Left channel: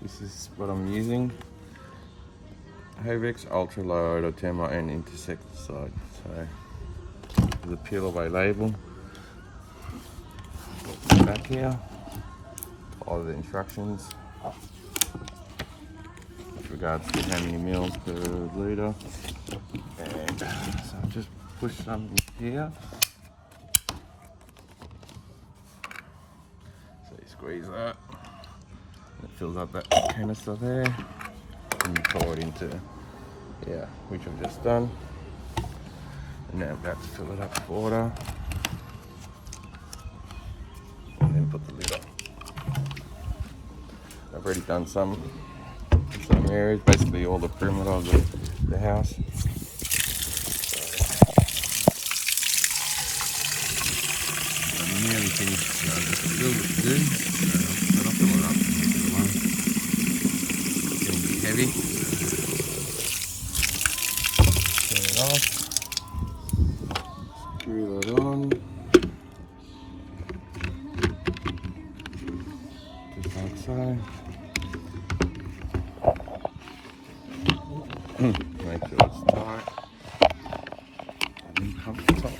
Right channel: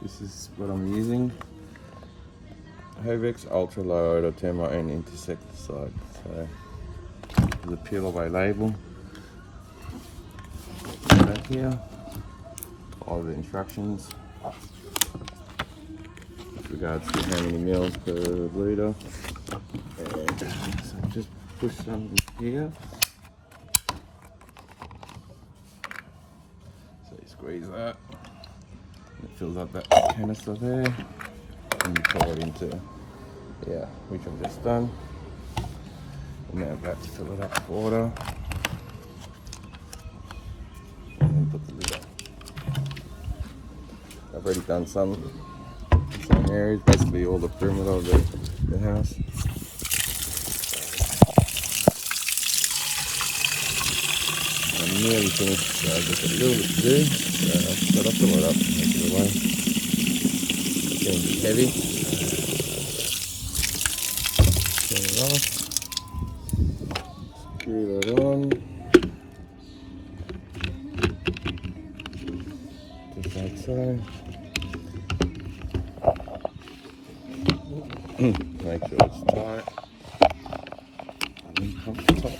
This is what I'm using. HOVEX Ultra Low or termite and insecticide. So the peel away label. Back here. All the instructions. With regards to how many mils per litre. And so just push some here. So you squeeze that. It fills up that canister there. And you pour it into, which I've just done. And now about to fill it up with water. And then put the lid up. I've already done some areas, basically all the perimeter of the house. I'm nearly finished, so I've just a little bit to do. So I'll fill it up and make it alone. It's getting a bit heavy. Turn it off. Screw that on. Just like so. Make sure it's tight. And then pump the top.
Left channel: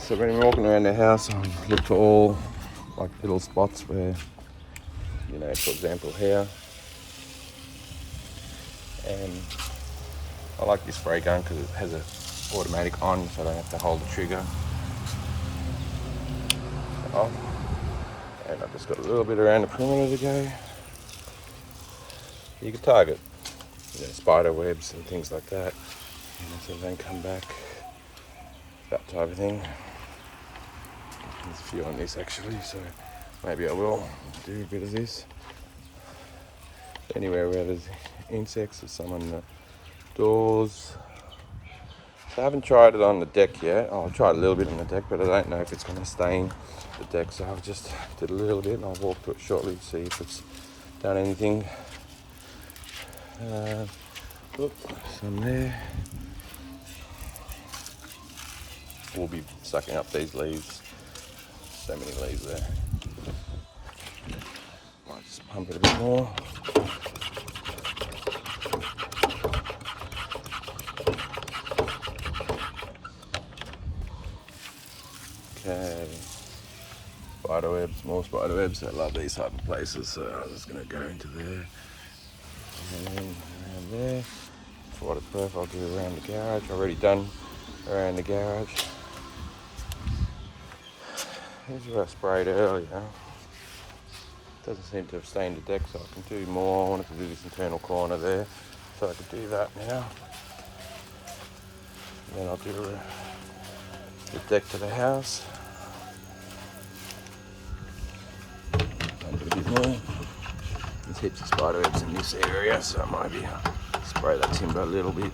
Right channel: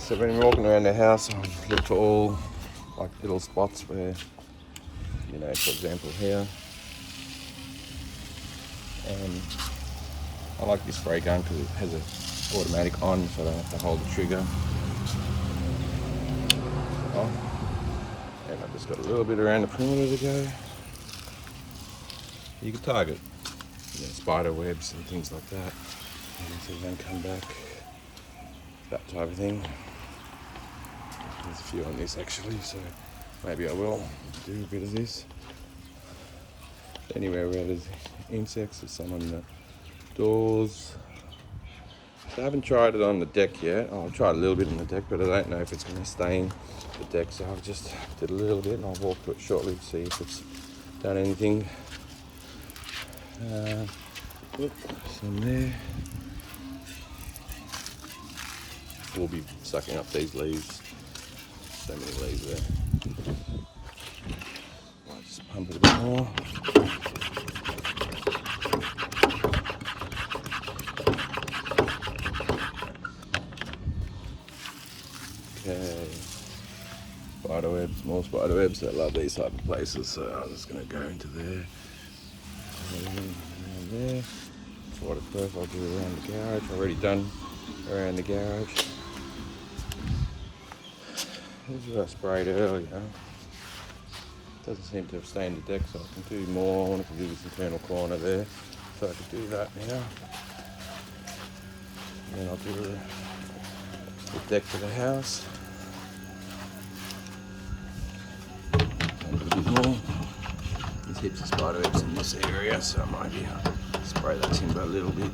So when you're walking around the house, look for all like little spots where, you know, for example here. And I like this spray gun because it has an automatic on, so I don't have to hold the trigger. Off. And I've just got a little bit around the perimeter to go. You can target, you know, spider webs and things like that. And if you then come back, that type of thing. There's a few on this actually, so maybe I will do a bit of this. Anywhere where there's insects, there's some on the doors. So I haven't tried it on the deck yet. I'll try a little bit on the deck, but I don't know if it's going to stain the deck, so I've just did a little bit and I'll walk through it shortly to see if it's done anything. Some there. We'll be sucking up these leaves. So many leaves there. I'll just pump it a bit more. Okay. Spider webs, more spider webs. I love these type of places, so I'm just going to go into there. And there. Waterproof, I'll do around the garage. I've already done around the garage. This is what I sprayed earlier. Doesn't seem to have stained the deck, so I can do more. I wanted to do this internal corner there, so I could do that now. And then I'll do the deck to the house. Pump it a bit more. There's heaps of spider webs in this area, so I might be spray that timber a little bit.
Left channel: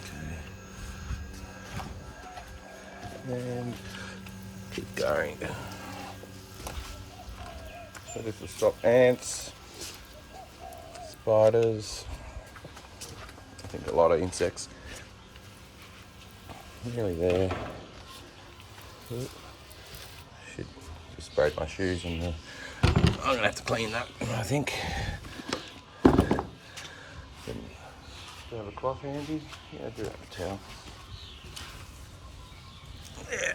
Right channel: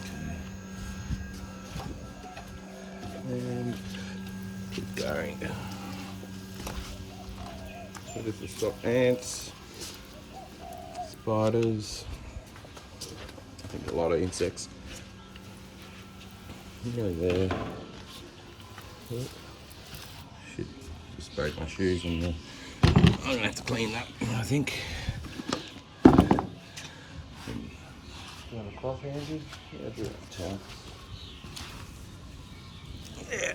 Okay. And keep going. So this will stop ants, spiders, I think a lot of insects. Nearly there. Should just spray my shoes and I'm gonna have to clean that, I think. Do you have a cloth handy? Yeah, do it with a towel. Yeah.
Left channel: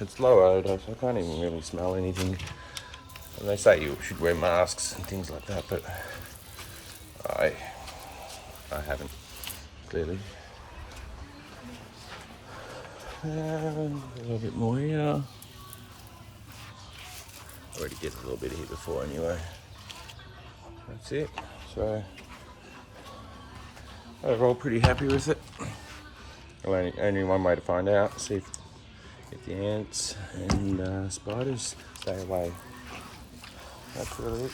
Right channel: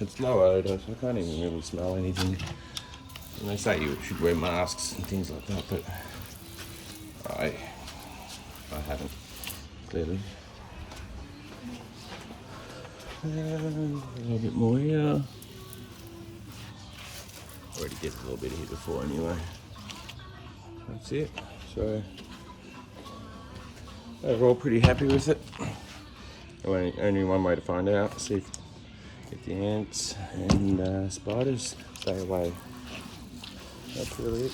It's low odour, so I can't even really smell anything. And they say you should wear masks and things like that, but I haven't, clearly. And a little bit more here. Already gets a little bit here before anyway. That's it. So overall pretty happy with it. Only one way to find out, see if the ants and spiders stay away. That's really it.